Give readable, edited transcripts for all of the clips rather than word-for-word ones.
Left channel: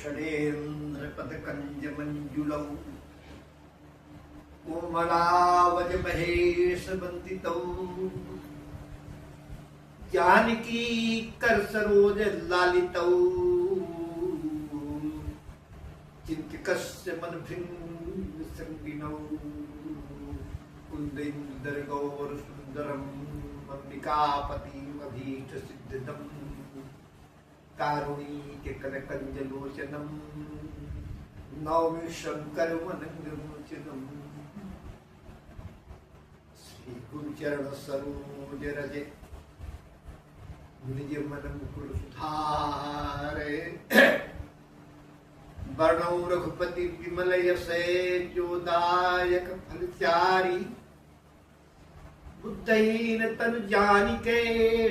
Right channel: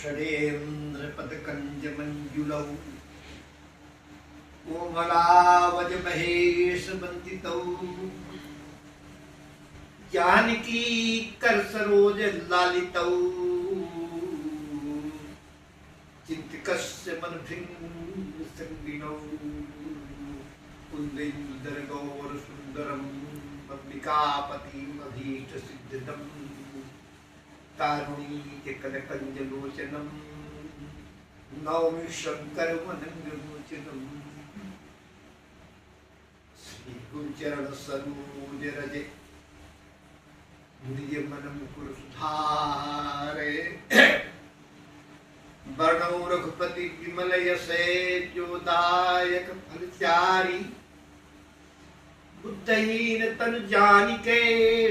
षडेन्द्रपदकञ्जमञ्जुलौ कोमलावजमहेशवन्दितौ जानकी करसरोज लालितौ चिंतकस्य मनभृङ्गसङ्गिनौ कुन्देन्दुदरगौरसुन्दरम् अम्बिकापतिमभीष्टसिद्धिदम् कारुणीककनकञ्जलोचनम् नौमि शङ्करवनङ्गमोचनम् श्रीगुरुचरणसरोजरजे निजमनमुकुरसुधारे वर्णौ रघुपति विमल यशे जोदायक फलचारी बुद्धहीन तन जानिके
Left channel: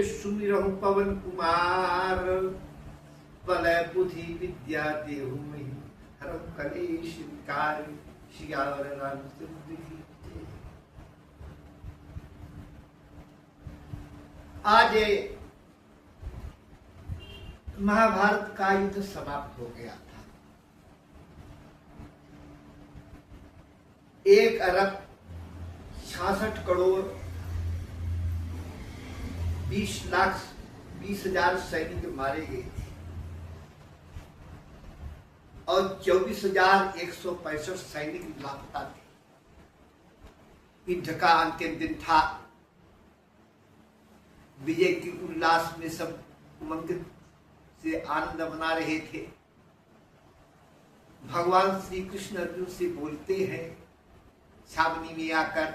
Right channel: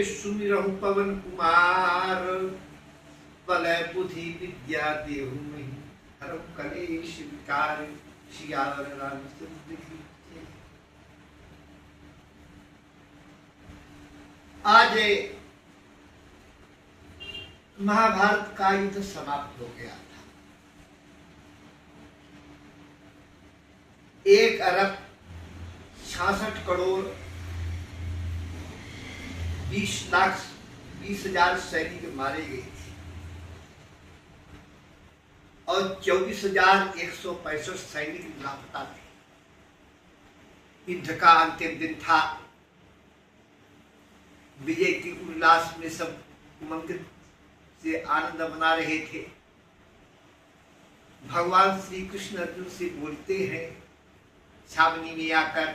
सुमिरहु पवन कुमार बलय बुद्धि विद्या देहु महि हरहु कलेश विकार सियावर रामचंद्र की। आज महाभारत का युद्ध समाप्त हो गया था। 1 अरब 66 करोड़ 20,20,000 सैनिक मारे गए थे और 24,165 सैनिक लापता थे। युद्ध का अंतिम दिन था। विजय के उल्लास में सब उमंगित से आनंद मना रहे थे। भगवान श्री कृष्ण अर्जुन से बोलते हैं छावनी में आकर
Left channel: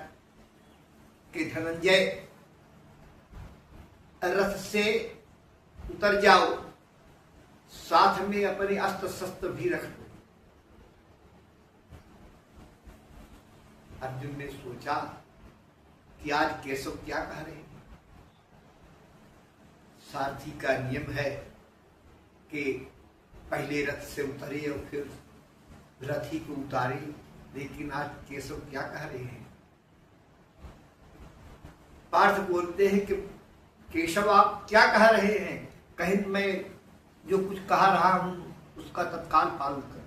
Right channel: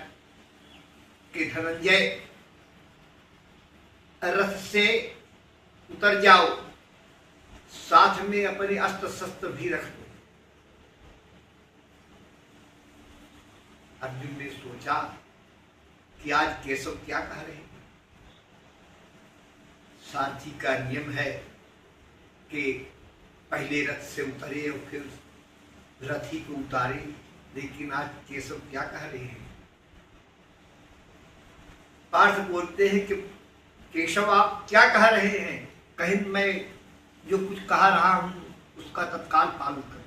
कि धनंजय रथ से उतर जाओ, साथ में अपने अस्त्र शस्त्र भी रख दो। अर्जुन ने सोचा कि आज केशव क्या कह रहे हैं। सारथी का नियम है कि पहले रथ से उतरे और फिर रथी को उतारे, लेकिन आज केशव क्या कह रहे हैं। पार्थ बोलते हैं कि केशव आप क्या कह रहे हैं, कहीं मैं जो कुछ कह रहा हूं उसका तत्काल पालन करो।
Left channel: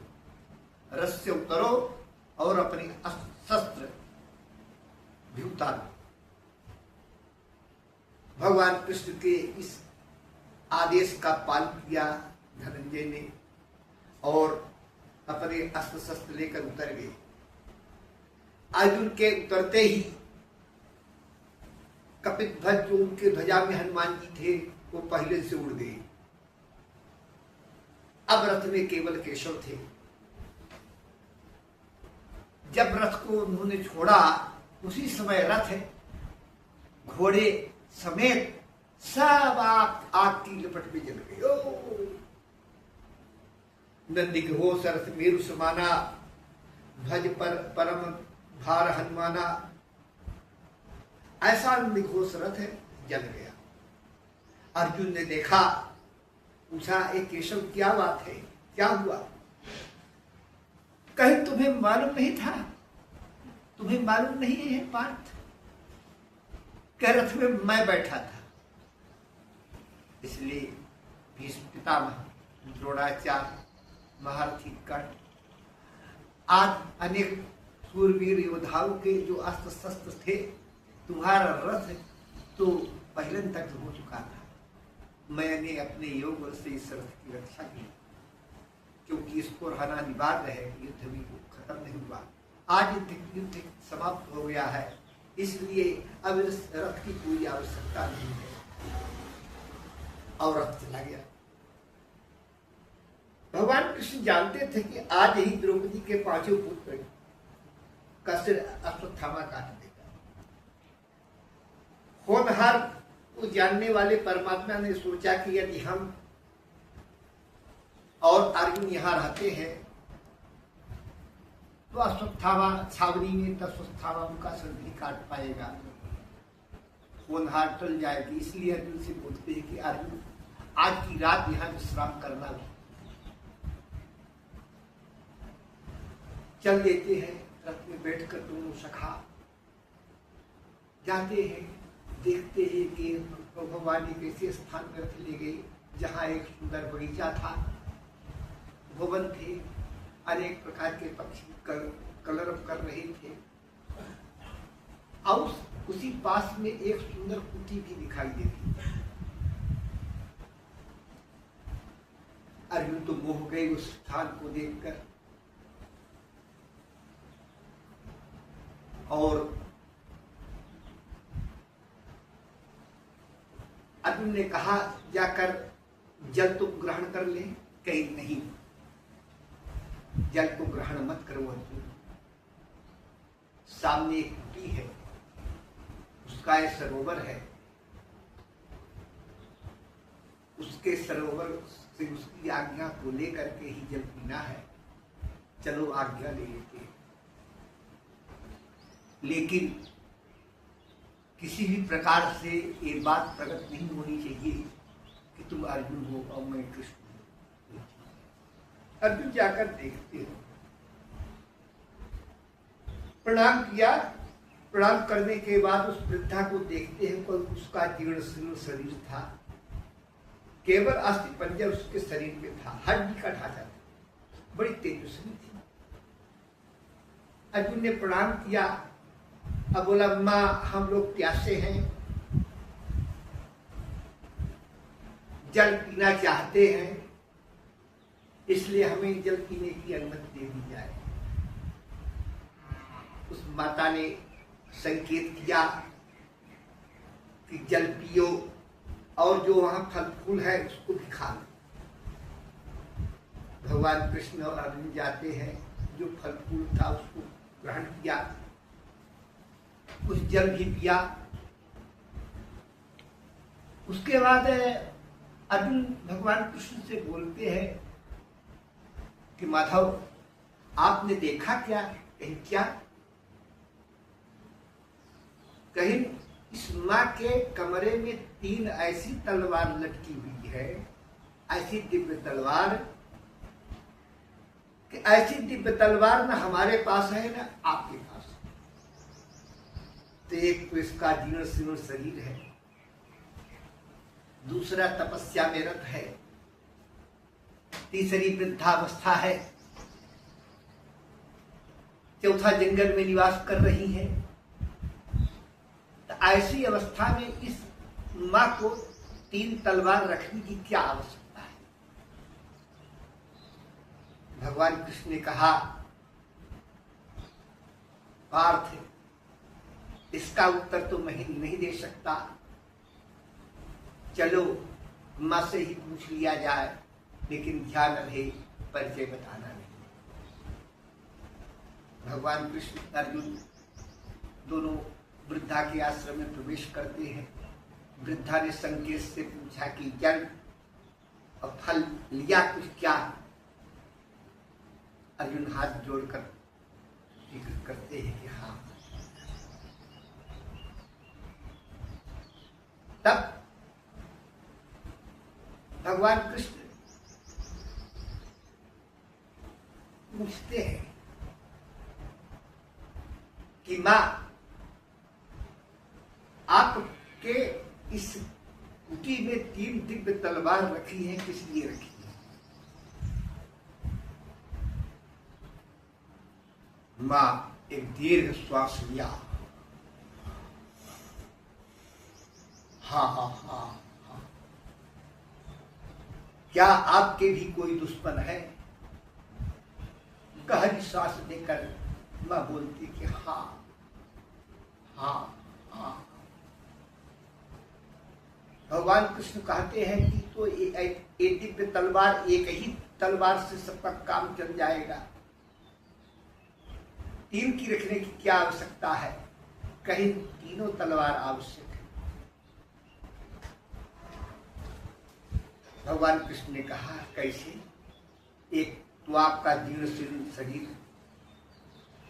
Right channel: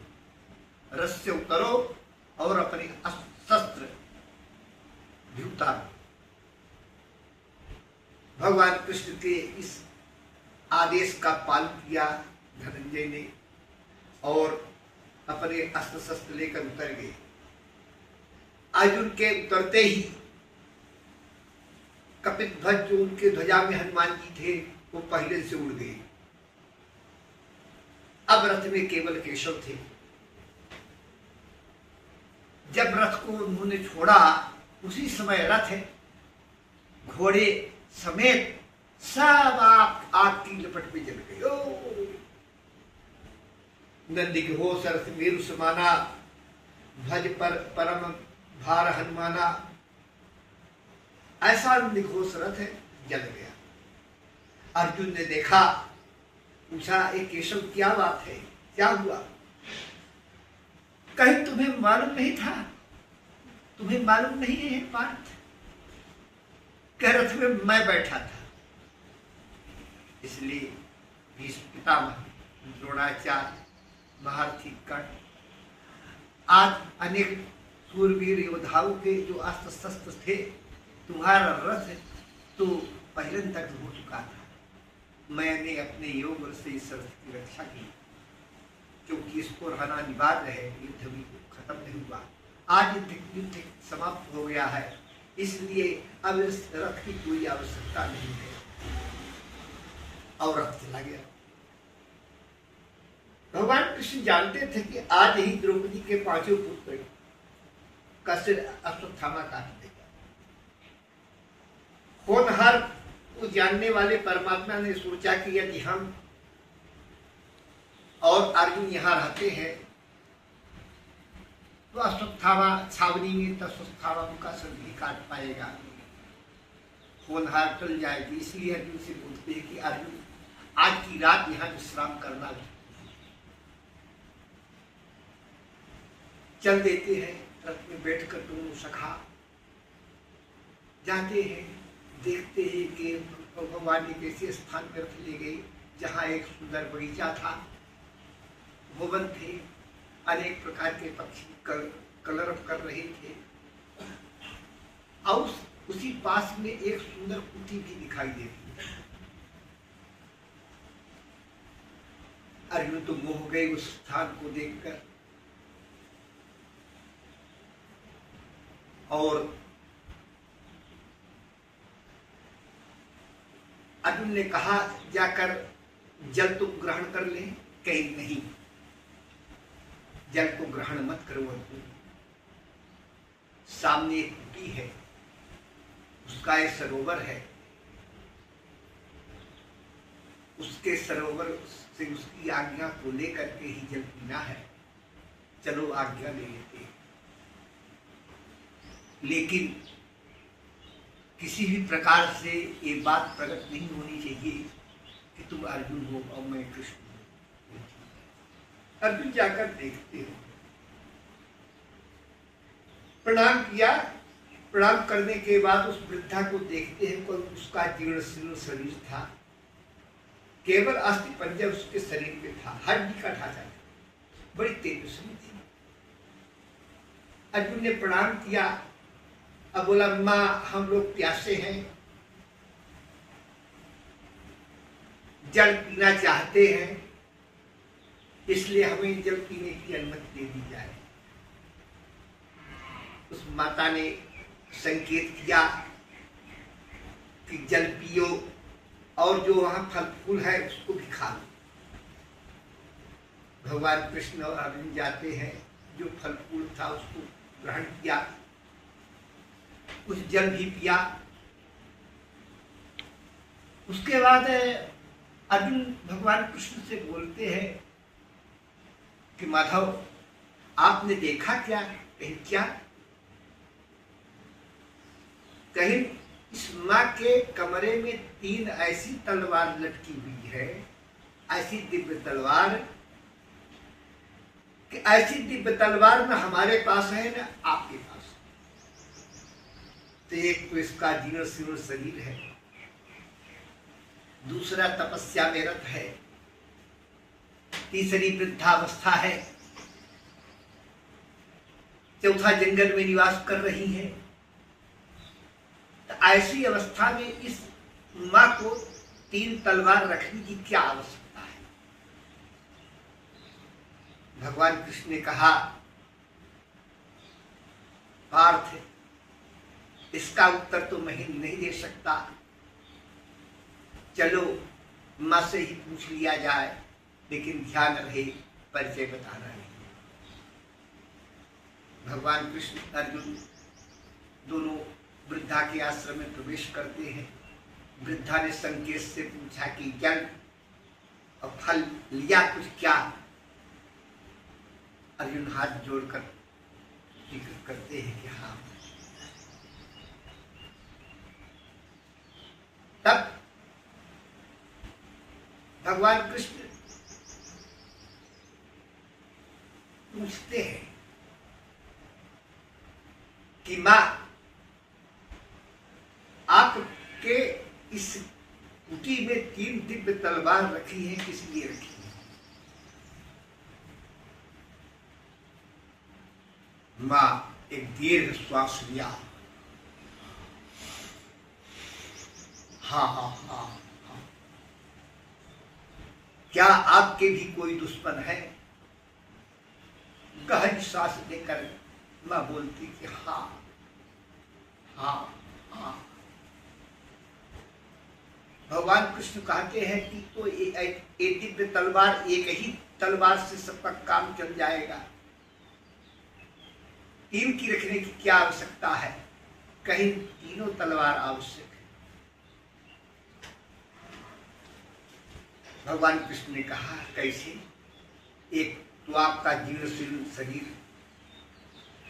रथ से उतरो और अपने शस्त्र भी उतारो। भगवान कृष्ण के इस आदेश का पालन किया धनंजय ने और अपने अस्त्र शस्त्र लेकर उतर गए। अर्जुन के उतरते ही कपिध्वज जो उनके ध्वजा में हनुमान जी थे वो पहले से उड़ गए। अब रथ में केवल केशव थे। जब रथ को उन्होंने छोड़ा उसी समय रथ घोड़े समेत सब आग की लपट में जल गए। नंदी के हो सरस मेरु समाना भज पर परम भार हनुमाना, ऐसा निघोष रथ जल गया। अर्जुन ने देखा, पूछा एक केशव क्या बात है, क्या हुआ। कहीं तुम्हें मालूम नहीं था, तुम्हें मालूम नहीं है पार्थ, कह रथ में मैं बैठा था। इसलिए भीष्म पितामह, द्रोणाचार्य, महारथी कर्ण आज अनेक सूरवीर योद्धाओं के जो अस्त्र शस्त्र थे, तुम्हारा रथ तो पहले तक हो चुका था। मैंने अपने योग से इस रथ की रक्षा की, क्योंकि इसको रहना अनिवार्य है। युद्ध भी खत्म नहीं हुआ, आज युद्ध समाप्त हो गया है, इसलिए अब इस रथ की कोई आवश्यकता नहीं है। और रथ चला गया। भगवान कृष्ण जानते थे कि आज ही द्रौपदी के 5 पुत्र का सिर अश्वत्थामा काट देगा। होनहार उस जानने वाले परमात्मा ने सोचा कि यदि हम और अर्जुन यहाँ रहते हैं तो अश्वत्थामा छावनी में अश्वत्थामा उनका सिर भी काट पाएगा, होनहार टल जाएगी। इसलिए अर्जुन से बोलते हैं कि अर्जुन आज की रात यहाँ विश्राम करना। चल देते हैं, रथ में बैठकर दोनों सखा जाते हैं। देखते हैं कि भगवान एक ऐसे स्थान में रथ ले गए जहाँ एक सुंदर बगीचा था भवन थे, अनेक प्रकार के पक्षी कलरव कर रहे थे। और उसी पास में एक सुंदर कुटी भी दिखाई दे रही है। अर्जुन तो मोह गए उस स्थान को देखकर। और अर्जुन ने कहा जाकर जल तो ग्रहण कर ले, कहीं नहीं, जल को ग्रहण मत करो अर्जुन। सामने एक कुटी है, उसका एक सरोवर है, उसके सरोवर से उसकी आज्ञा को लेकर के ही जल पीना है। चलो आज्ञा ले लेते हैं। लेकिन किसी भी प्रकार से ये बात प्रकट नहीं होनी चाहिए कि तुम अर्जुन हो और मैं कृष्ण हूं। अर्जुन जाकर देखते हो, प्रणाम किया। प्रणाम करने के बाद उस वृद्धा को देखते हैं, कोई उसका जीर्ण शीर्ण शरीर था, केवल अस्थि पंजर उसके शरीर में था, हड्डी का ढांचा था, बड़ी तेजस्वी थी। अर्जुन ने प्रणाम किया। अब बोला, माँ हम लोग प्यासे हैं, जल पीना चाहते हैं, इसलिए हमें जल पीने की अनुमति दे दी जाए। उस माता ने संकेत किया कि जल पियो और जो वहां फल फूल है उसको भी खा लो। भगवान कृष्ण और अर्जुन जाते हैं, जो फल फूल था उसको ग्रहण किया, कुछ जल भी पिया। उसके बाद अर्जुन भगवान कृष्ण से बोलते हैं कि माधव आपने देखा क्या? कहीं क्या? कहीं इस माँ के कमरे में 3 ऐसी तलवार लटकी हुई है, ऐसी दिव्य तलवार कि ऐसी दिव्य तलवार न हमारे पास है न आपके पास। तो एक तो इसका जीर्ण शीर्ण शरीर है, दूसरा तपस्या में रत है, तीसरी वृद्धावस्था है, चौथा जंगल में निवास कर रही है। तो ऐसी अवस्था में इस माँ को 3 तलवार रखने की क्या आवश्यकता है? भगवान कृष्ण ने कहा, पार्थ इसका उत्तर तो मैं नहीं दे सकता, चलो माँ से ही पूछ लिया जाए, लेकिन ध्यान रहे परिचय बताना नहीं। भगवान कृष्ण अर्जुन दोनों वृद्धा के आश्रम में प्रवेश करते हैं। वृद्धा ने संकेत से पूछा कि जल और फल लिया कुछ क्या? अर्जुन हाथ जोड़कर जिक्र करते हैं कि हाँ। तब भगवान कृष्ण पूछते हैं कि माँ आपके इस कुटी में 3 दिव्य तलवार रखी है, किस लिए रखी है? माँ एक दीर्घ श्वास लिया, हाँ हाँ हाँ हाँ। क्या आपके भी कोई दुश्मन है? गहरी सांस लेकर माँ बोलती कि हाँ हाँ हाँ। भगवान कृष्ण कहते हैं कि तो ये दिव्य तलवार, एक ही तलवार से सबका काम चल जाएगा, 3 की रखने की क्या आवश्यकता है? कहीं 3 तलवार आवश्यक है। भगवान कृष्ण ने कहा, कैसे? एक तो आपका जीर्ण शीर्ण शरीर,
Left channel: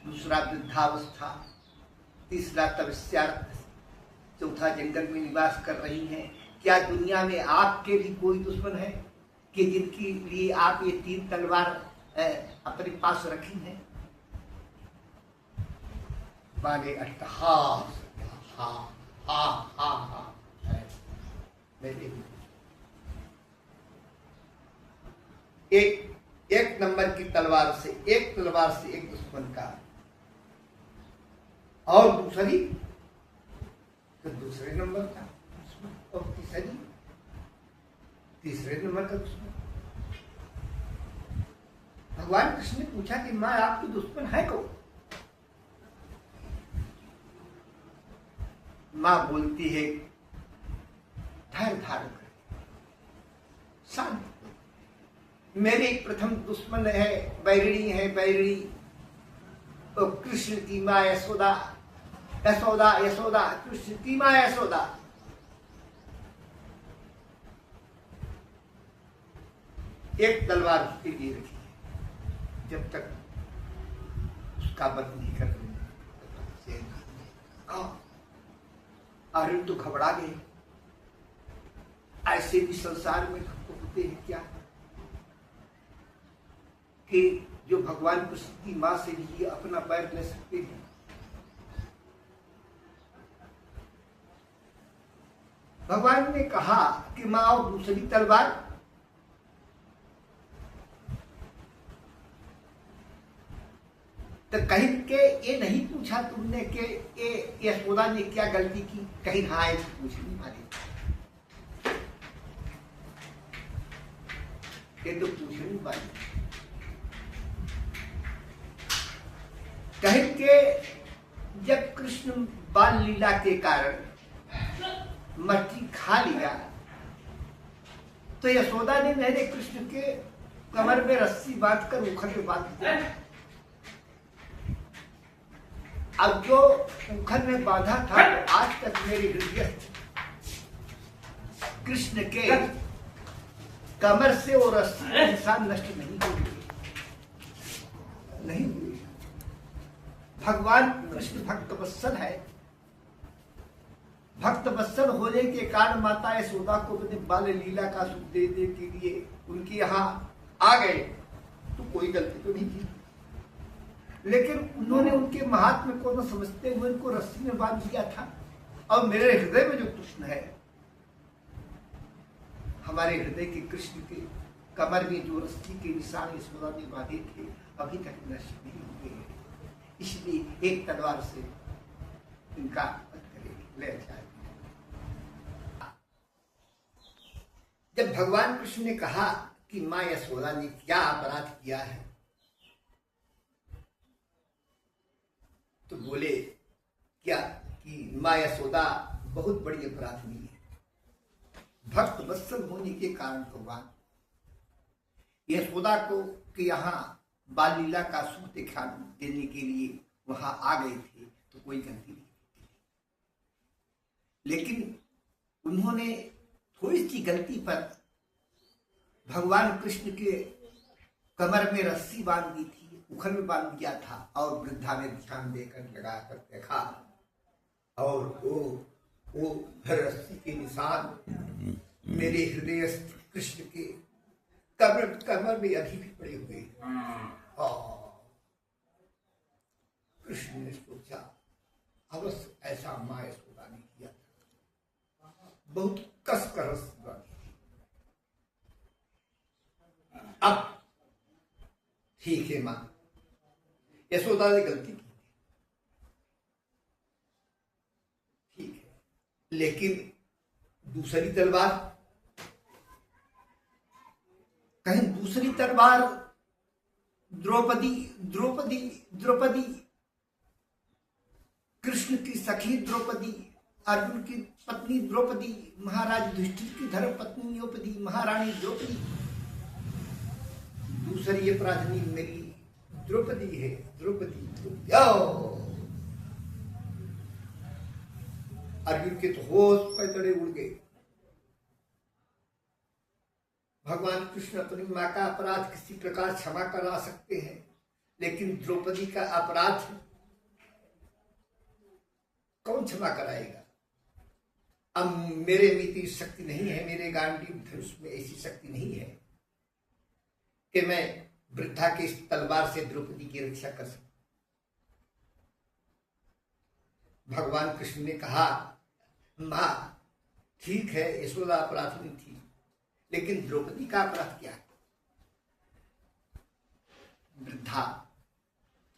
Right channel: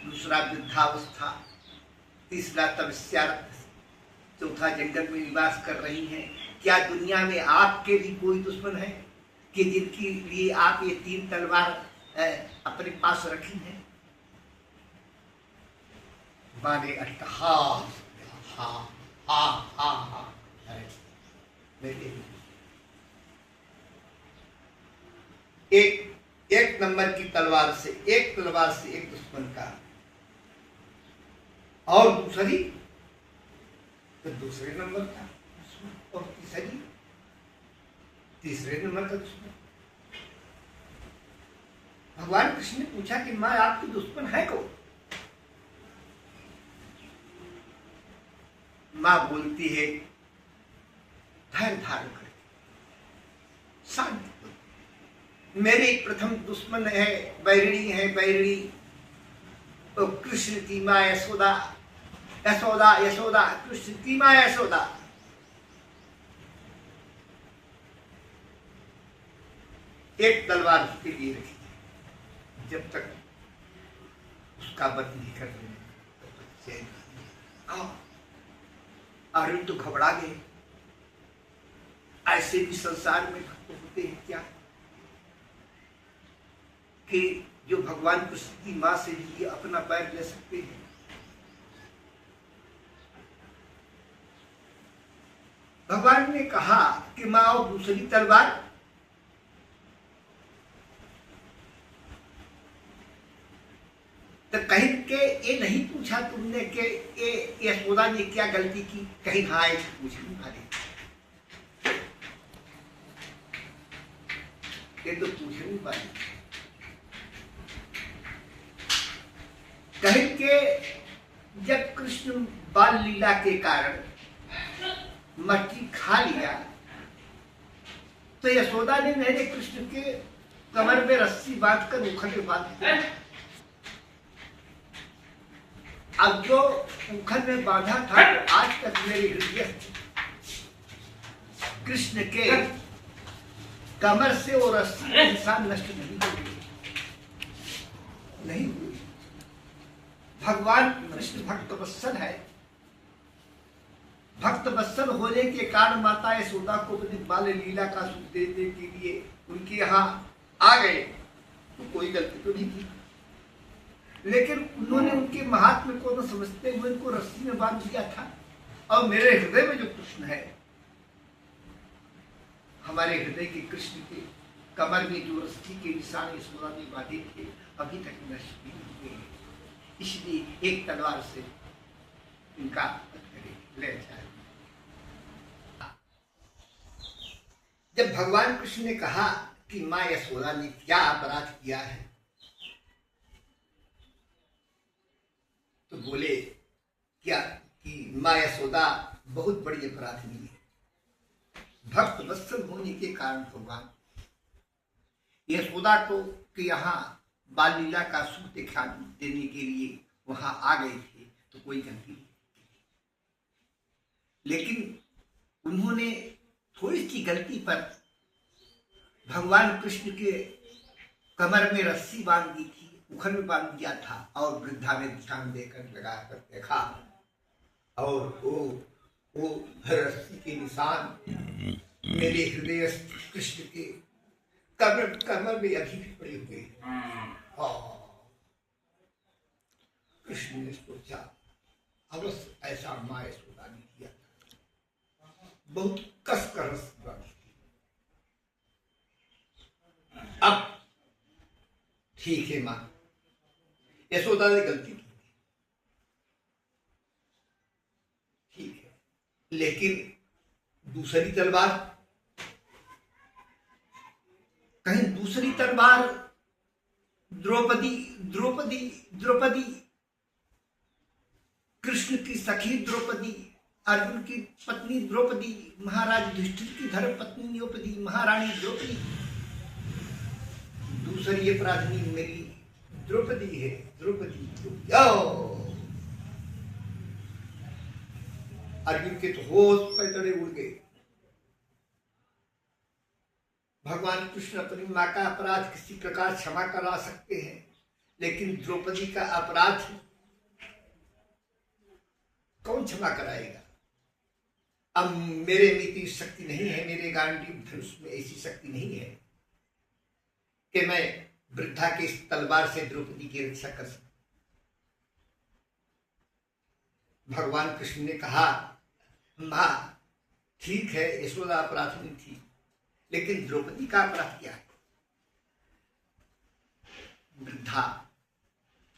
दूसरा वृद्धावस्था, तीसरा तपस्यारत, चौथा जंगल में निवास कर रही हैं। क्या दुनिया में आपके भी कोई दुश्मन है कि जिनके लिए आप ये 3 तलवार अपने पास रखी हैं? माने अट्टहास, हाँ हाँ हाँ हाँ है। मेरे एक एक नंबर की तलवार से, एक तलवार से एक दुश्मन का, और दूसरी तो दूसरे नंबर का दुश्मन, और तीसरी तीसरे नंबर का दुश्मन। भगवान कृष्ण ने पूछा कि माँ आपकी दुश्मन है कौन? माँ बोलती है धैर्य धारण कर, शांत, मेरे प्रथम दुश्मन है बैरिणी, है बैरिणी, तो कृष्ण की माँ यशोदा, यशोदा यशोदा, कृष्ण की माँ यशोदा। एक तलवार उसके लिए रखी, जब तक उसका वध नहीं कर रहे तब तक चैन नहीं। अर्जुन तो घबरा गए, ऐसे भी संसार में भक्त होते हैं क्या कि जो भगवान कृष्ण की मां से भी अपना पैर ले सकते हैं। भगवान ने कहा कि मां और दूसरी तलवार, तो कहीं के ये नहीं पूछा तुमने कि ये यशोदा ने क्या गलती की? कहीं हाँ ऐसे पूछ नहीं मारे, ये तो पूछ नहीं पाई। कहीं के जब कृष्ण बाल लीला के कारण मट्टी खा लिया तो यशोदा ने मेरे कृष्ण के कमर में रस्सी बांधकर मुखर में बांध दिया। अब जो मुखर में बांधा था तो आज तक मेरे हृदय कृष्ण के कमर से वो रस्सी इंसान नष्ट नहीं हुई, नहीं हुई। भगवान कृष्ण भक्त वत्सल है, भक्त वत्सल होने के कारण माता यशोदा को तो बाल लीला का सुख देने के लिए उनके यहाँ आ गए, तो कोई गलती तो नहीं थी, लेकिन उन्होंने उनके महात्म्य को न समझते हुए उनको रस्सी में बांध दिया था। और मेरे हृदय में जो कृष्ण है, हमारे हृदय के कृष्ण के कमर में जो रस्सी के निशान यशोदा ने बांधे थे अभी तक नष्ट नहीं हुए, इसलिए एक तलवार से इनका ले जाए। जब भगवान कृष्ण ने कहा कि मां यशोदा ने क्या अपराध किया है, तो बोले क्या कि मां यशोदा बहुत बड़ी अपराधी है। भक्त वत्सल होने के कारण भगवान यशोदा को कि यहाँ बाल लीला का सुख दिखा देने के लिए वहां आ गए थे, तो कोई गलती नहीं, लेकिन उन्होंने थोड़ी सी गलती पर भगवान कृष्ण के कमर में रस्सी बांध दी थी, उखर में बांध दिया था, और वृद्धा में ध्यान देकर लगाकर देखा और वो रस्सी के निशान मेरे हृदय कृष्ण के कमर में अभी भी पड़े हुए। कृष्ण ने सोचा अवश्य ऐसा मां यशोदा ने किया, बहुत कस कर रस्सी बांधी। अब ठीक है, मां यशोदा ने गलती की, ठीक है, लेकिन दूसरी तलवार, कहीं दूसरी तलवार द्रौपदी द्रौपदी द्रौपदी कृष्ण की सखी द्रौपदी, अर्जुन की पत्नी द्रौपदी, महाराज युधिष्ठिर की धर्म पत्नी द्रौपदी, महारानी द्रौपदी, दूसरी अपराधी मेरी द्रौपदी है। द्रौपदी अर्जुन के तो होश पैतड़े उड़ गए। भगवान कृष्ण अपनी मां का अपराध किसी प्रकार क्षमा करा सकते हैं, लेकिन द्रौपदी का अपराध कौन क्षमा कराएगा? अब मेरे में इतनी शक्ति नहीं है, मेरे गांडीव धनुष में ऐसी शक्ति नहीं है कि मैं वृद्धा के इस तलवार से द्रौपदी की रक्षा कर सकूं। भगवान कृष्ण ने कहा मां ठीक है, यशोदा अपराधी थी, लेकिन द्रौपदी का अपराध क्या है? वृद्धा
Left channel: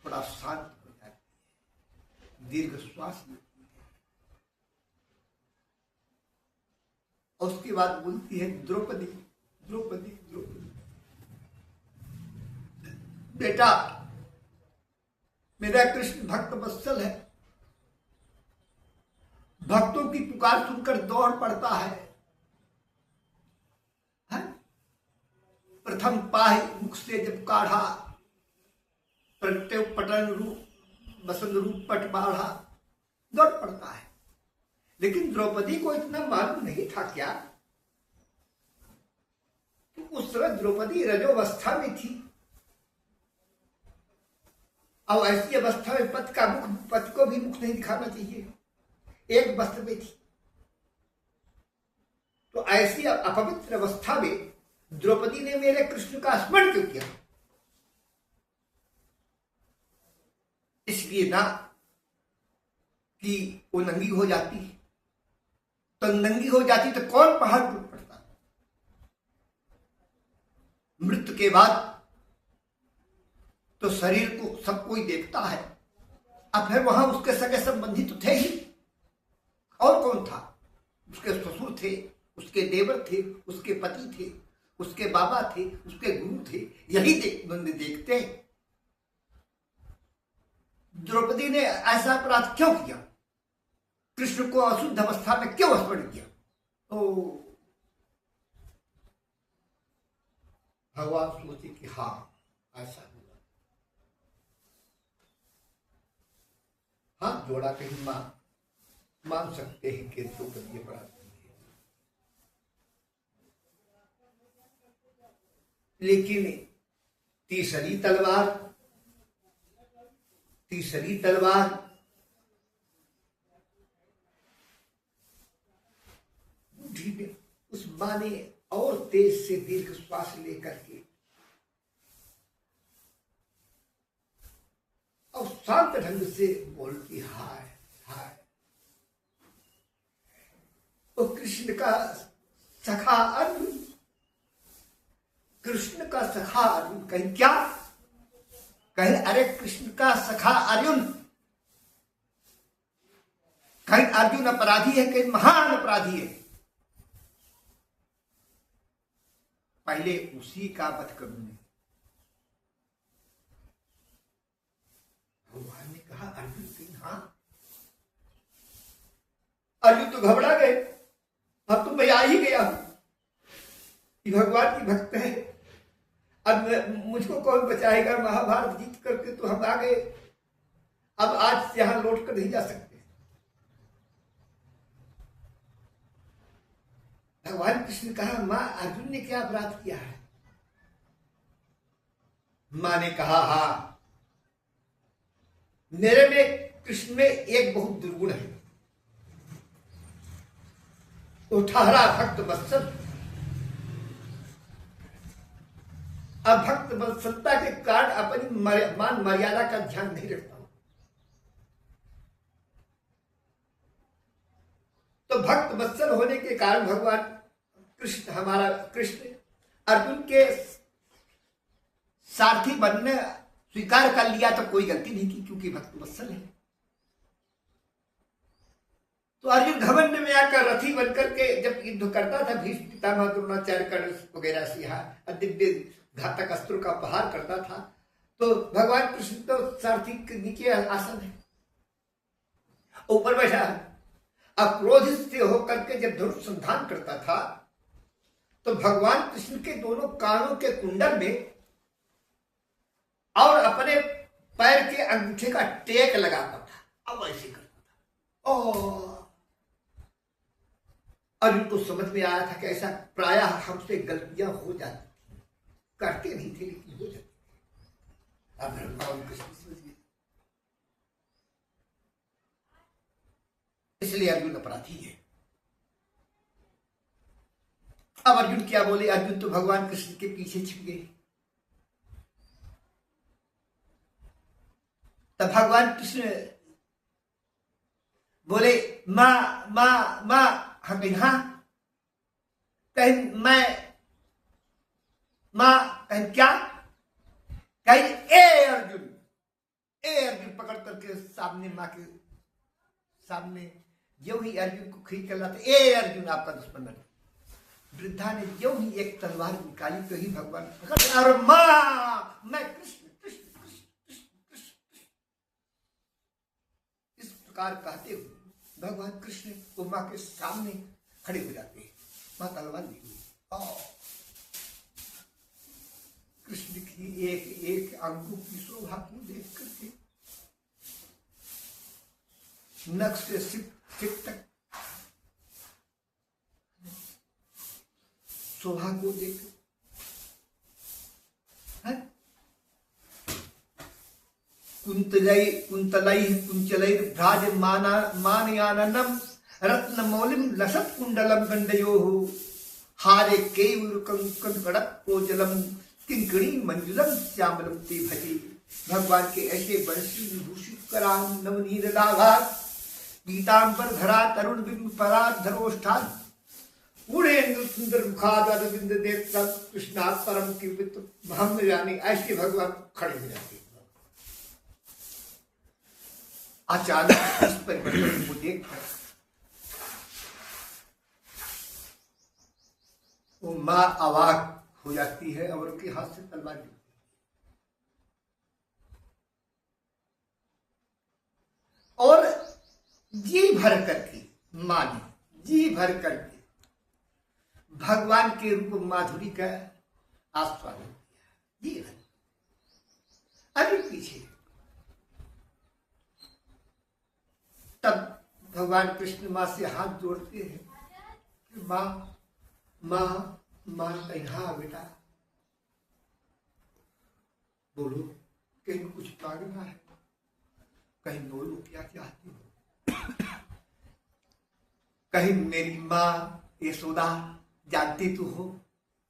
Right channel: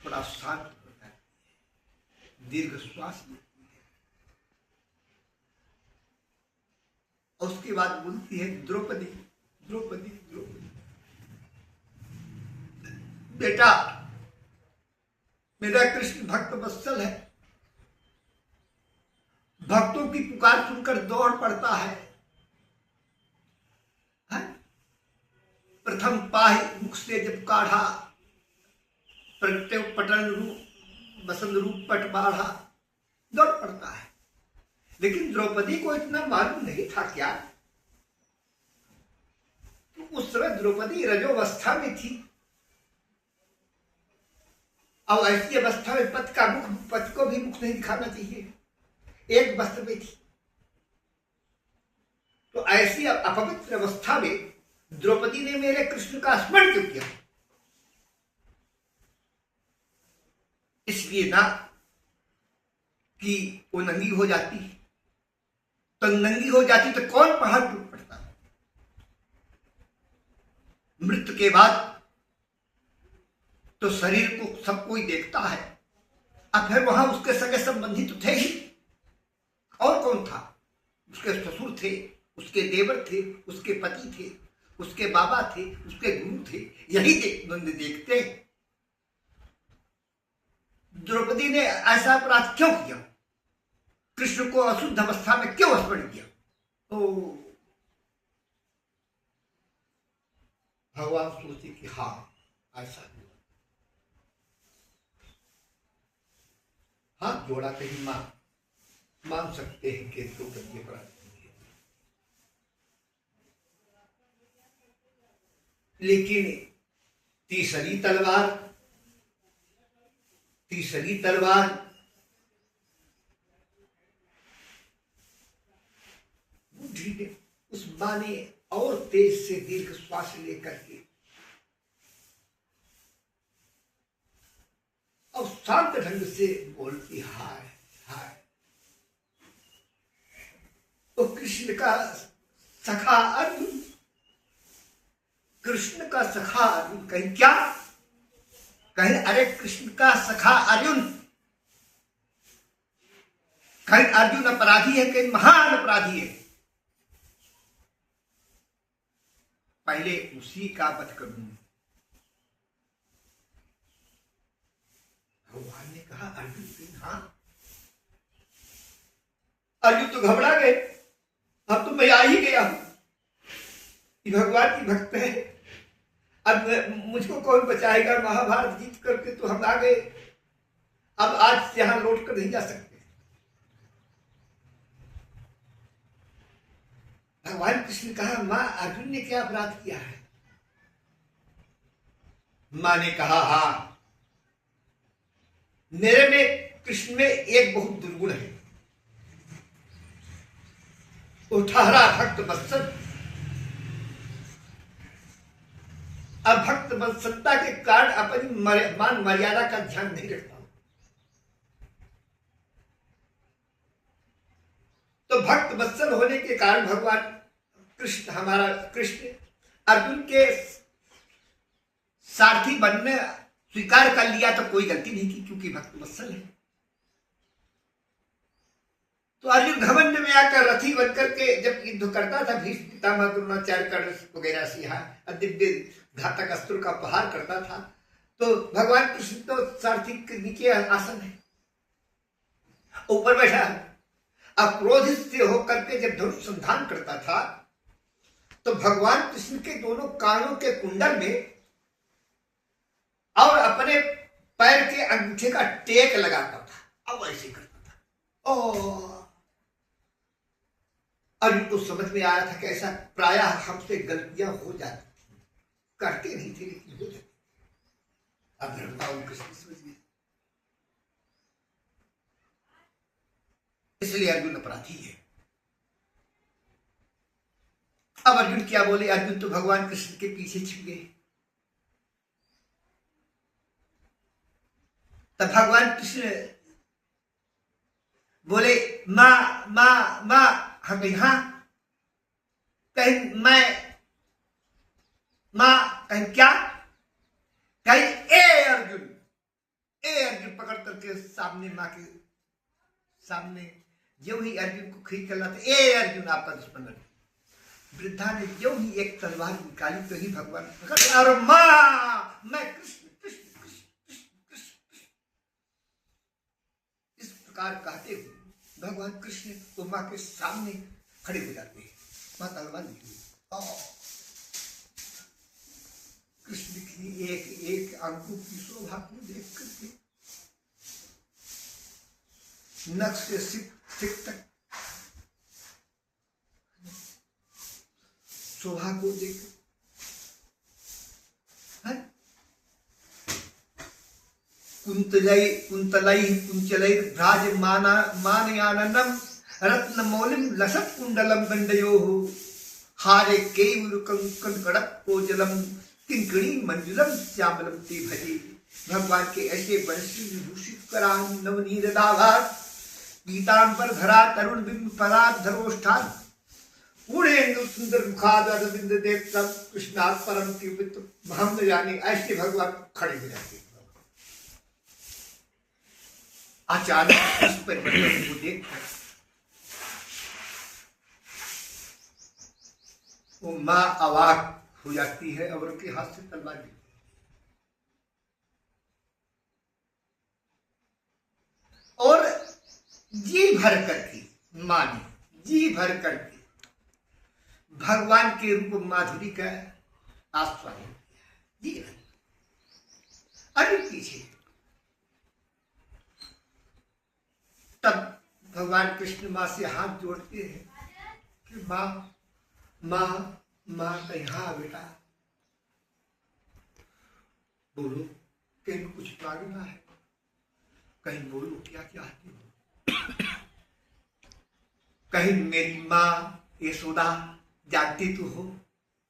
थोड़ा शांत हो जाती है, दीर्घ श्वास लेती है और उसके बाद बोलती है, द्रौपदी द्रौपदी द्रौपदी, बेटा मेरा कृष्ण भक्त वत्सल है, भक्तों की पुकार सुनकर दौड़ पड़ता है, प्रथम पाहि मुख से जब काढ़ा, प्रगटे पटन रूप बसंत रूप पट बाढ़ा, दौड़ पड़ता है। लेकिन द्रौपदी को इतना मालूम नहीं था क्या, तो उस समय द्रौपदी रजोवस्था में थी और ऐसी अवस्था में पति को भी मुख नहीं दिखाना चाहिए, एक वस्त्र में थी। तो ऐसी अपवित्र अवस्था में द्रौपदी ने मेरे कृष्ण का स्मरण क्यों किया? इसलिए ना कि वो नंगी हो जाती, तो नंगी हो जाती तो कौन पहाड़ टूट पड़ता। मृत्यु के बाद तो शरीर को सब कोई देखता है, अब फिर वहां उसके सगे संबंधी तो थे ही, और कौन था? उसके ससुर थे, उसके देवर थे, उसके पति थे, उसके बाबा थे, उसके गुरु थे, यही देखते। द्रौपदी ने ऐसा अपराध क्यों किया? कृष्ण को अशुद्ध अवस्था में क्यों स्मरण किया? तो भगवान सोचे कि हाँ ऐसा हुआ, हाथ जोड़ा कहीं मान सकते हैं कि द्रौपदी अपराध, लेकिन तीसरी तलवार बुद्धि ने, उस मां ने और तेज से दीर्घ श्वास लेकर के और शांत ढंग से बोलती, हाय हाय, तो कृष्ण का सखा अर्जुन, कृष्ण का सखा अर्जुन, कहीं क्या कहीं, अरे कृष्ण का सखा अर्जुन, कहीं अर्जुन अपराधी है, कहीं महान अपराधी है, पहले उसी का वध करूंगा। भगवान ने कहा, अर्जुन कहीं, हाँ। अर्जुन तो घबरा गए, अब तो मैं आ ही गया हूं, भगवान की भक्त है, अब मुझको कौन बचाएगा, महाभारत जीत करके तो हम आ गए, अब आज से यहां लौट कर नहीं जा सकते। भगवान कृष्ण ने कहा, मां अर्जुन ने क्या अपराध किया है? मां ने कहा, हाँ, मेरे में कृष्ण में एक बहुत दुर्गुण है, वो ठहरा भक्त वत्सल, अब भक्त वत्सलता के कारण अपनी मान मर्यादा का ध्यान नहीं रखता हूं। तो भक्त वत्सल होने के कारण भगवान कृष्ण, हमारा कृष्ण अर्जुन के सारथी बनने स्वीकार कर लिया, तो कोई गलती नहीं की, क्योंकि भक्त वत्सल है। तो अर्जुन घमंड में आकर रथी बनकर के जब युद्ध करता था, भीष्म पितामह द्रोणाचार्य कर्ण वगैरह से यहाँ दिव्य घातक अस्त्र का प्रहार करता था, तो भगवान कृष्ण तो सारथी के नीचे आसन है, ऊपर बैठा है, अब क्रोधित से होकर के जब धनुष संधान करता था, तो भगवान कृष्ण के दोनों कानों के कुंडल में और अपने पैर के अंगूठे का टेक लगाता था, अब ऐसे करता था। ओ अर्जुन को समझ में आया था कि ऐसा प्रायः हमसे गलतियां हो जाती, करते नहीं थे लेकिन हो जाती। अब भगवान कृष्ण समझ गए, इसलिए अर्जुन अपराधी है। अब अर्जुन क्या बोले? अर्जुन तो भगवान कृष्ण के पीछे छिप गए। तब भगवान कृष्ण बोले, माँ माँ माँ, हम हाँ, कहीं मैं माँ, कहीं क्या, कहीं ए अर्जुन पकड़ करके सामने माँ के सामने जो ही अर्जुन को खींच कर लाते, ए अर्जुन आपका दुश्मन है। वृद्धा ने जो ही एक तलवार निकाली तो ही भगवान पकड़, और माँ मैं कृष्ण कृष्ण कृष्ण कृष्ण कृष्ण इस प्रकार कहते हुए भगवान कृष्ण तो माँ के सामने खड़े हो जाते हैं। माँ तलवार ली कृष्ण की एक एक अंगों की शोभा को देख करके नख से सिर तक शोभा को देख कुंचलै भ्राज मानयाननम रत्न मौलिम लसत कुंडलम गंडयोः हारे केवरुकंकड़पोजलम किंकणी मंजुलम श्यामलम ते भजे। भगवान के ऐसे बंशी विभूषित करा नवनीत दाघात पीतांबर धरा तरुण बिंब परात धरोष्ठान पूर्णेन्दु सुंदर मुखादरविंद देव कृष्णात् परम कीर्तित हम न जाने। ऐसे भगवान खड़े हो जाते हैं। अचानक इस परिवर्तन को देखकर वो माँ अवाक हो जाती है और उनके हाथ से तलवार गिरती है। और जी भर करके माँ ने जी भर करके भगवान के रूप माधुरी का आस्वादन किया। जी अभी पीछे तब भगवान कृष्ण माँ से हाथ जोड़ते हैं कि माँ माँ माँ कहीं हाँ बेटा बोलो, कहीं कुछ मांगना है, कहीं बोलो क्या चाहती हो। कहीं मेरी माँ यशोदा जानती तो हो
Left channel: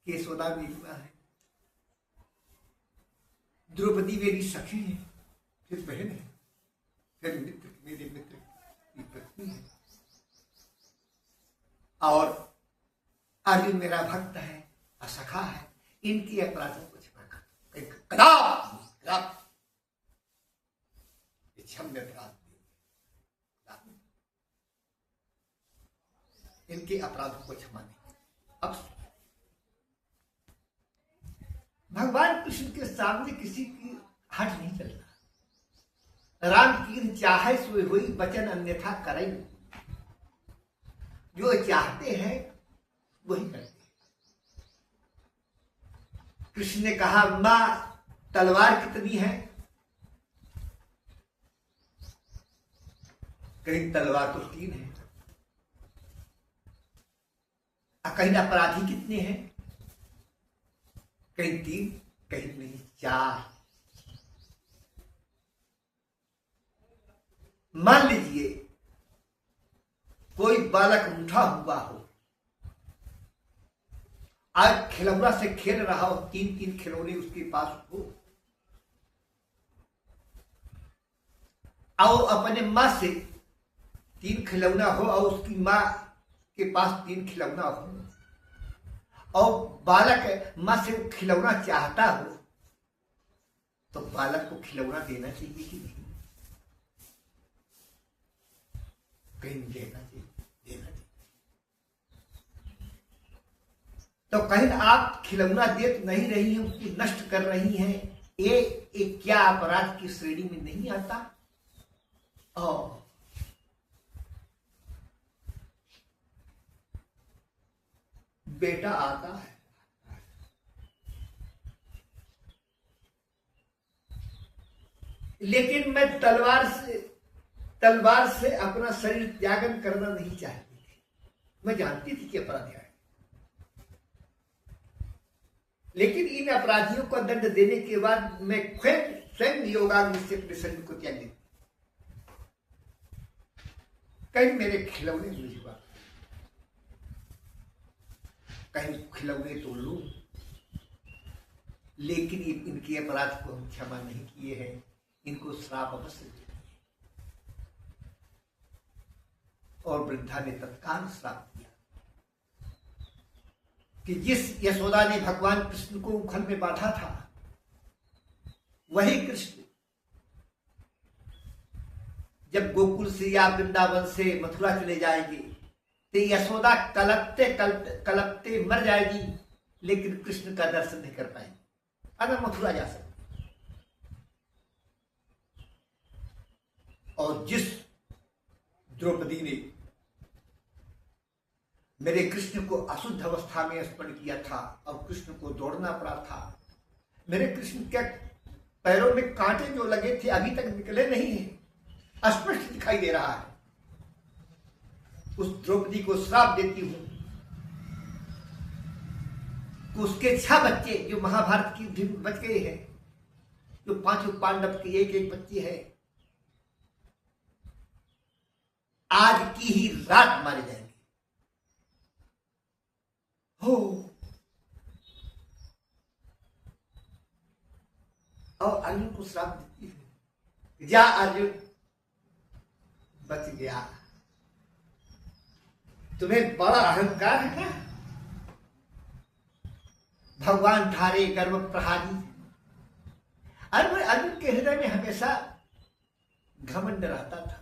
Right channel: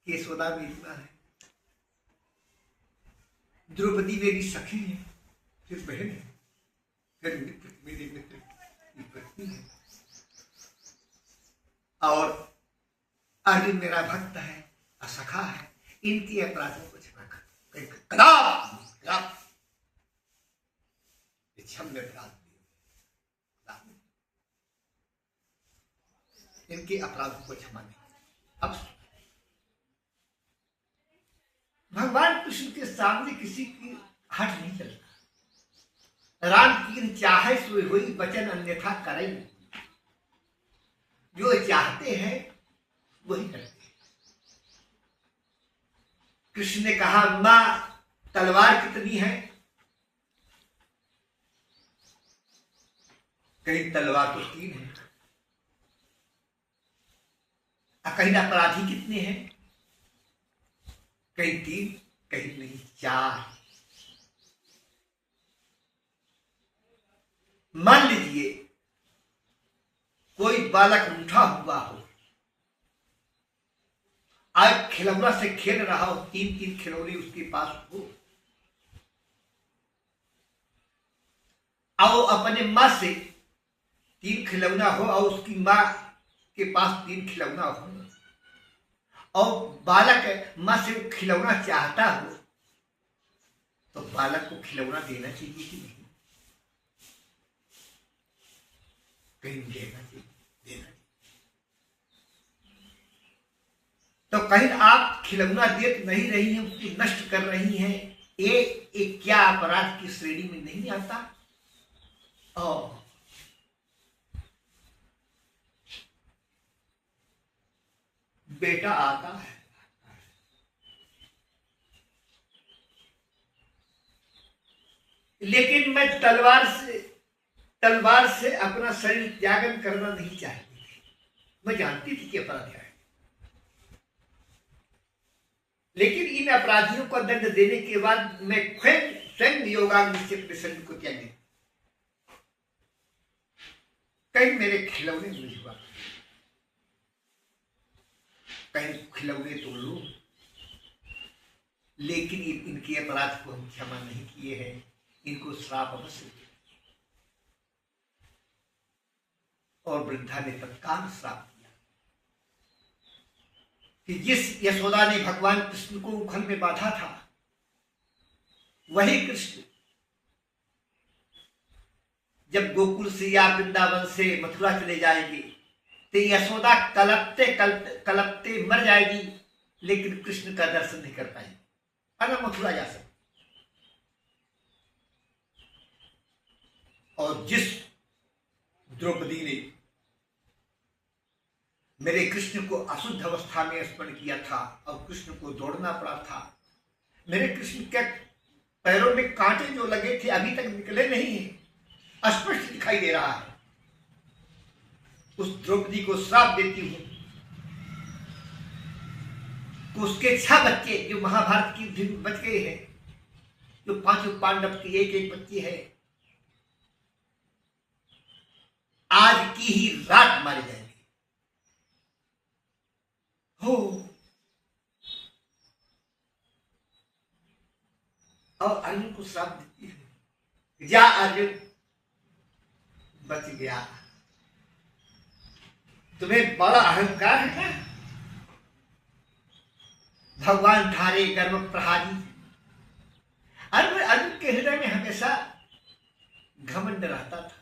कि यशोदा मेरी माँ है, द्रौपदी मेरी सखी है, फिर बहन है, फिर मित्र मेरे मित्र की पत्नी है, और अर्जुन मेरा भक्त है, असखा है। इनकी अपराधों को क्षमा कर कदाप क्षम्य अपराध इनके अपराधों को क्षमा नहीं। अब भगवान कृष्ण के सामने किसी की हट नहीं चलता। राम की चाहे सोई हुई वचन अन्यथा करें, जो चाहते हैं वही करते हैं। कृष्ण ने कहा मां तलवार कितनी है, कहीं तलवार तो 3 है, कहीं अपराधी कितने हैं, कहीं 3, कहीं नहीं 4। मान लीजिए कोई बालक उठा हुआ हो, आज खिलौना से खेल रहा हो, 3 खिलौने उसके पास हो, और अपने मां से 3 खिलौना हो और उसकी मां के पास 3 खिलौना हो, और बालक मां से वो खिलौना चाहता हो, तो बालक को खिलौना देना चाहिए कि नहीं? कहीं देना चाहिए। तो कहीं आप खिलौना दे नहीं रही हैं, उसको नष्ट कर रही हैं, ये क्या अपराध की श्रेणी में नहीं आता? और बेटा आता है, लेकिन मैं तलवार से अपना शरीर त्यागन करना नहीं चाहती थी। मैं जानती थी कि अपराध है, लेकिन इन अपराधियों को दंड देने के बाद मैं स्वयं योगाग्नि से अपने शरीर को त्याग देती। कहीं मेरे खिलौने मुझे, कहीं खिलौने तो लो, लेकिन इनके अपराध को हम क्षमा नहीं किए हैं, इनको श्राप अवश्य दिया। और वृद्धा ने तत्काल श्राप दिया कि जिस यशोदा ने भगवान कृष्ण को उखल में बांधा था, वही कृष्ण जब गोकुल से या वृंदावन से मथुरा चले जाएंगे तो यशोदा कलपते कलपते कलपते मर जाएगी, लेकिन कृष्ण का दर्शन नहीं कर पाएगी अगर मथुरा जा सके। और जिस द्रौपदी ने मेरे कृष्ण को अशुद्ध अवस्था में स्मरण किया था और कृष्ण को दौड़ना पड़ा था, मेरे कृष्ण के पैरों में कांटे जो लगे थे अभी तक निकले नहीं है, स्पष्ट दिखाई दे रहा है। उस द्रौपदी को श्राप देती हूं कि उसके 6 बच्चे जो महाभारत की युद्ध में बच गए हैं, जो 5 पांडव के एक एक बच्चे हैं, आज की ही रात मारे जाएंगे। हो और अर्जुन को श्राप देती है, जा अर्जुन बच गया। तुम्हें बड़ा अहंकार है क्या? भगवान धारे गर्व प्रहारी। अर्जुन के हृदय में हमेशा घमंड रहता था।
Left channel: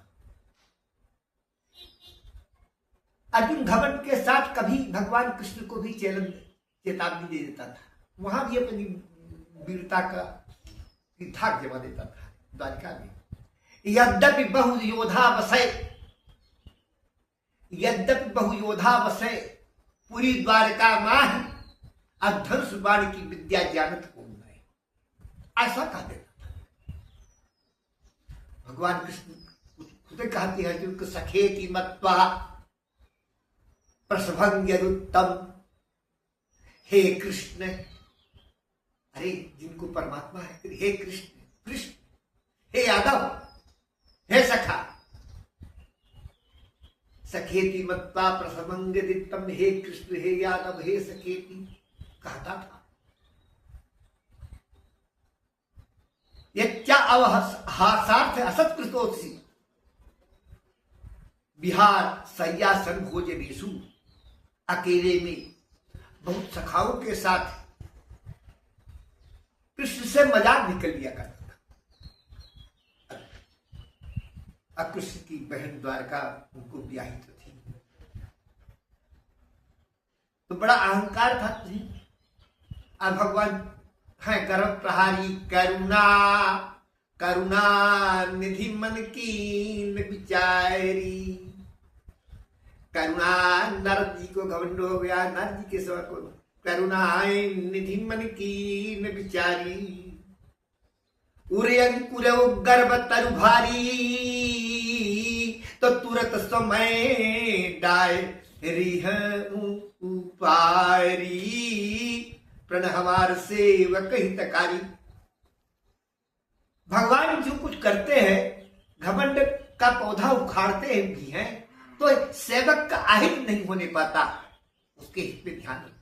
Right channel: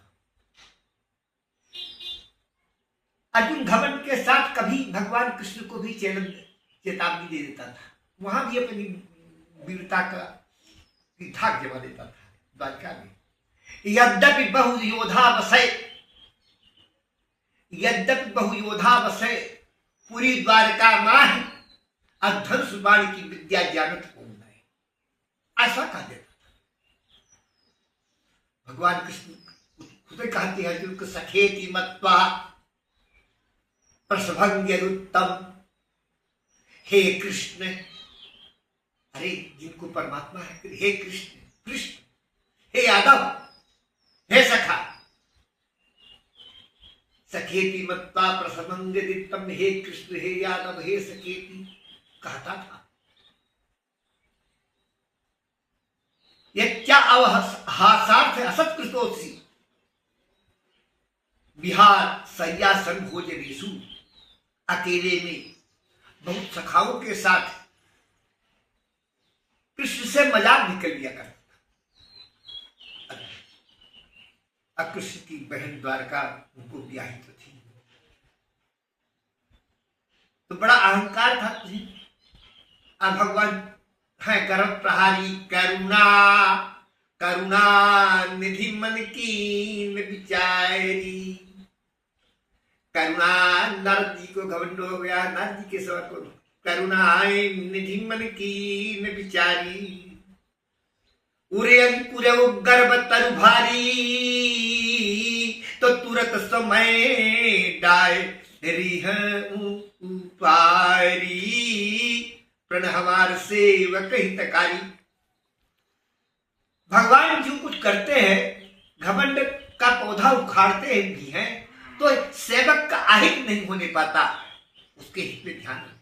अर्जुन घमंड के साथ कभी भगवान कृष्ण को भी चेतावनी दे देता था, वहां भी अपनी वीरता का धाक जमा देता था। द्वारका में यद्यपि बहु योधा वसै पूरी द्वारका माह अधंस बाण की विद्या जानत हो है, ऐसा कह देता था। भगवान कृष्ण खुद कहते हैं अर्जुन को सखेति मत्वा प्रसभंग्यरुत्तम। हे कृष्ण, अरे जिनको परमात्मा है, हे कृष्ण, कृष्ण, हे यादव, हे सखा, सखेति मत्वा प्रसभंग्यरुत्तम, हे कृष्ण, हे यादव, हे सखेति कहता था। यह क्या अवहासार्थ असत्कृतोत्सी बिहार सय्यासन भोजनेषु, अकेले में बहुत सखाओं के साथ कृष्ण से मजाक निकल लिया करता था। कृष्ण की बहन द्वारका उनको ब्याही तो थी, तो बड़ा अहंकार था तुझे। अब भगवान है गर्भ प्रहारी, करुणा करुणा निधि मन की विचारी। करुणा नारद जी को घमंड हो गया, नारद जी के सवर को करुणा निधि मन की विचारी। उरे अंकुर गर्भ तरु भारी, तो तुरत समय डाय रिह उपारी। प्रण हमार सेवक हितकारी। भगवान जो कुछ करते हैं, घमंड का पौधा उखाड़ते हैं भी हैं, तो सेवक का अहित नहीं होने पाता, उसके हित में ध्यान रखते।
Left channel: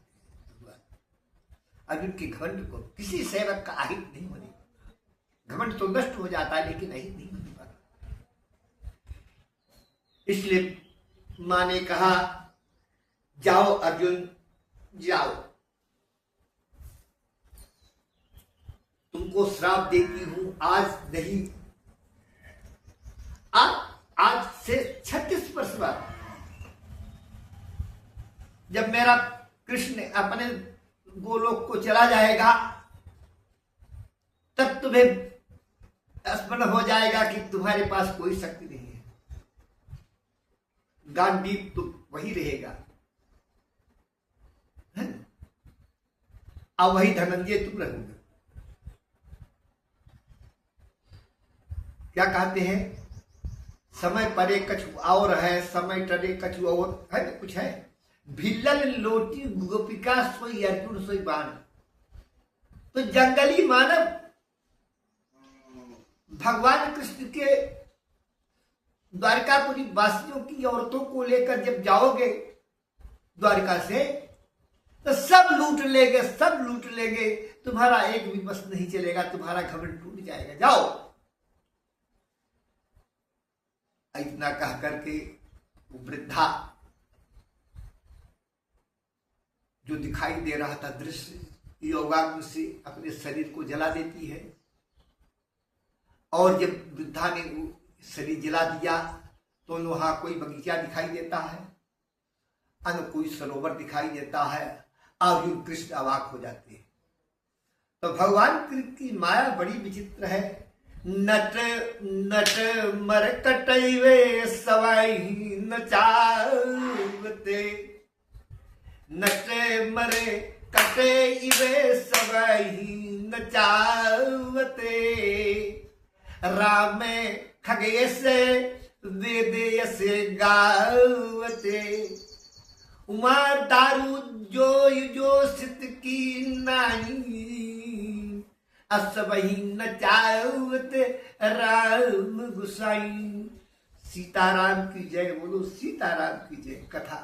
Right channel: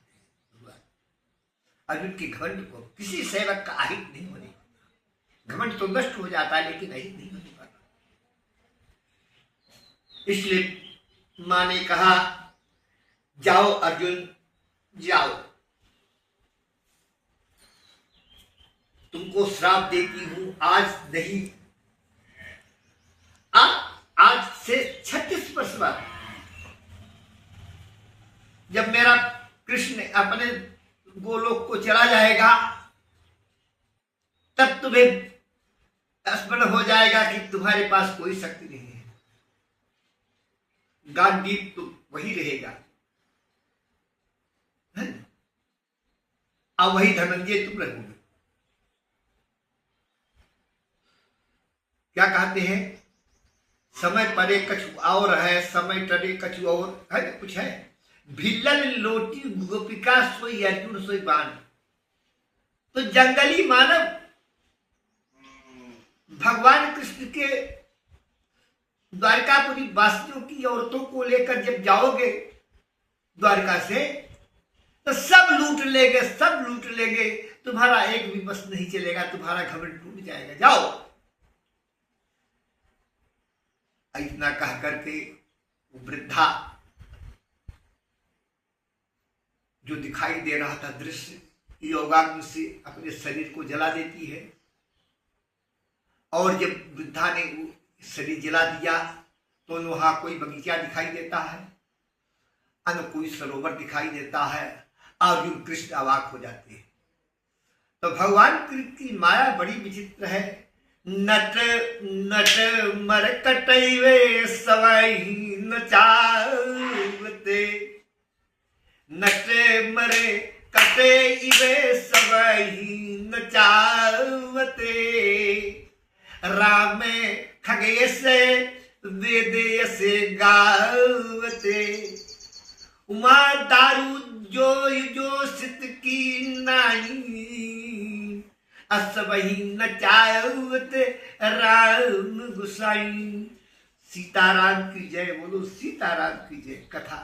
अर्जुन के घमंड को किसी सेवक का अहित नहीं होने पाता। घमंड तो नष्ट हो जाता है लेकिन अहित नहीं होने पाता। इसलिए मां ने कहा, जाओ अर्जुन जाओ, तुमको श्राप देती हूं, आज नहीं, आज से 36 वर्ष बाद जब मेरा कृष्ण अपने गोलोक को चला जाएगा, तब तुम्हें स्मरण हो जाएगा कि तुम्हारे पास कोई शक्ति नहीं है। गांडीव तो वही रहेगा, और वही धनंजय तुम रहोगे। क्या कहते हैं, समय परे कछु और है, समय टरे कछु और है, कुछ है। भिल्लल लोटी गोपिका सोई अर्जुन सोई बाण। तो जंगली मानव भगवान कृष्ण के द्वारकापुरी वासियों की औरतों को लेकर जब जाओगे द्वारका से, तो सब लूट लेंगे, सब लूट लेंगे, तुम्हारा एक भी बस नहीं चलेगा, तुम्हारा घमंड टूट जाएगा, जाओ। इतना कह करके वृद्धा जो दिखाई दे रहा था दृश्य, योगाग्नि से अपने शरीर को जला देती है और जब वृद्धा ने वो शरीर जला दिया तो वहां कोई बगीचा दिखाई देता है, अन कोई सरोवर दिखाई देता है। अर्जुन कृष्ण अवाक हो जाते हैं। तो भगवान कृष्ण की माया बड़ी विचित्र है। नट नट मर कटैवे सवई नचावते, नट मरे कटे इवे सवई नचावते, राम खगे से वेद से गावते, उमा दारू जो सित की नाही, असबही नचावत राम गुसाई। सीताराम की जय, बोलो सीताराम की जय। कथा